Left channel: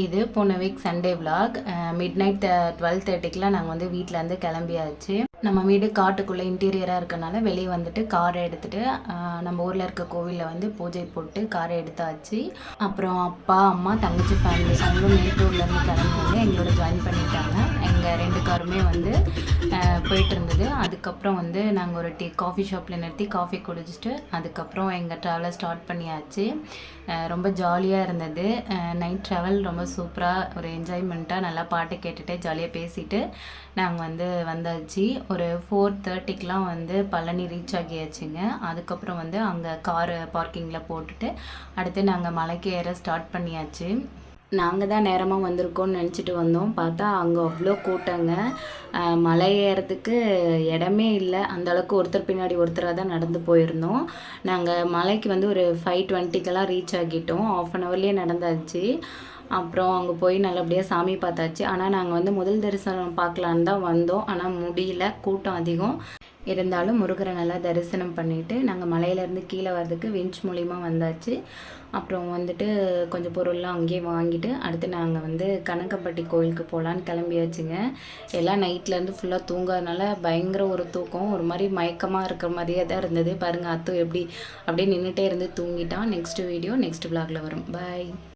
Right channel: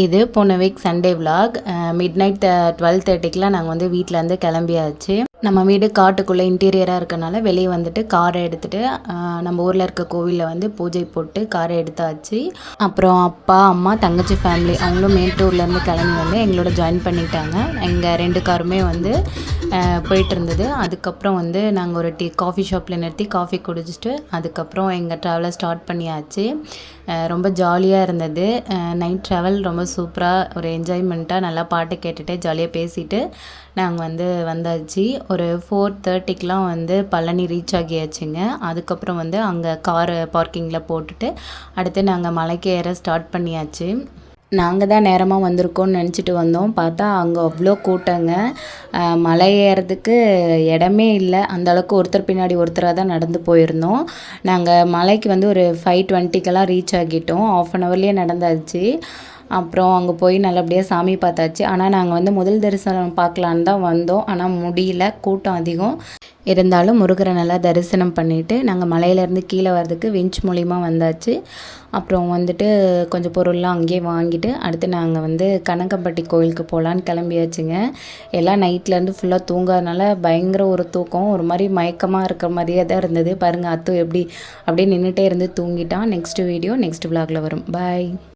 இது போன week Sunday vlog. Midnight 12:30க்குலாம் நாங்கள் வந்து வீட்டிலேருந்து கிளம்பியாச்சு. நம்ம வீடு காட்டுக்குள்ளே இன்டீரியராக இருக்கனால வெளியே வந்துட்டு காரை எடுத்துகிட்டு நம்ம ஊரில் இருக்க கோவிலில் வந்து பூஜை போட்டு காரை எடுத்தாச்சு. அப்புறம் அப்பா அம்மா தங்கச்சி ஃபேமிலி அவங்களும் மேட்டூர்லேருந்து கிளம்பி வந்து எங்களோட ஜாயின் பண்ணிட்டாங்க. எங்கள் 2 காருமே வந்து போயிட்டு இருந்தது. அதுக்கப்புறம் வந்து நாங்கள் ஒரு காஃபி ஷாப்பில் நிறுத்தி காஃபி குடிச்சிட்டு அதுக்கப்புறம் எங்கள் ட்ராவலை ஸ்டார்ட் பண்ணியாச்சு. ரொம்ப ஜாலியாக இருந்தது. நைட் ட்ராவல் ரொம்ப சூப்பராக ஒரு என்ஜாய்மெண்ட்டாக நல்லா பாட்டு கேட்டுகிட்டு ஜாலியாக பேசிட்டு நாங்கள் வந்து வந்தாச்சு. ஒரு 4:30க்குலாம் வந்து பழனி ரீச் ஆகியாச்சுங்க. அதுக்கப்புறம் வந்து அங்கே காரை பார்க்கிங்கில் போட்டுட்டு அடுத்து நாங்கள் மலைக்கு ஏற ஸ்டார்ட் பண்ணியாச்சு. நாங்கள் தான் நேரமாக வந்திருக்கோம்னு நினச்சிட்டு வந்தோம். பார்த்தா அங்கே அவ்வளோ கூட்டங்க. மலை ஏறதுக்கு இடமே இல்லை. அந்தளவுக்கு ஒருத்தர் பின்னாடி ஒருத்தராக தான் நடந்து போயிருந்தோம். நாங்கள் மலைக்கு வந்து ஒரு 5:20க்கெல்லாம் ரீச் ஆகிட்டோம். 1/2 ஹவர்லேயே நடந்தாச்சு. அப்புறம் அங்கே போய் நல்லபடியாக சாமி பார்த்தாச்சு. ஆனால் நாங்கள் வந்து முதல் தரிசனம் பார்க்கலான்னு தான் வந்தோம். ஆனால் முடியல, கூட்டம் அதிகம். இருந்தாலும் முருகரை நல்லா தரிசனம் பண்ணிவிட்டு நாங்கள் மலையிலேருந்து கீழே வர்றதுக்கு விஞ்ச் மூலிமா வந்தாச்சு. அப்புறம் வந்துட்டு கொஞ்சம் பொருள்லாம் அங்கேயே வாங்கிட்டு அடுத்து நாங்கள் வந்து கனகம்பட்டி கோயிலுக்கு போகலான்னு கிளம்பியாச்சுங்க. எல்லாம் நைட்லேருந்து ஃபுல்லாக தூங்காதனால பயங்கர ஒரு தூக்கம், ஒரு மாதிரி மயக்கமாக இருக்கிற மாதிரியே தான் இருந்தது. பாருங்கள், அத்து எப்படி அப்படியே நின்றுட்டே இருந்து தூங்கிட்டான். நெக்ஸ்ட் வீடியோ நெக்ஸ்ட் விலாகில் வரும். பாய்.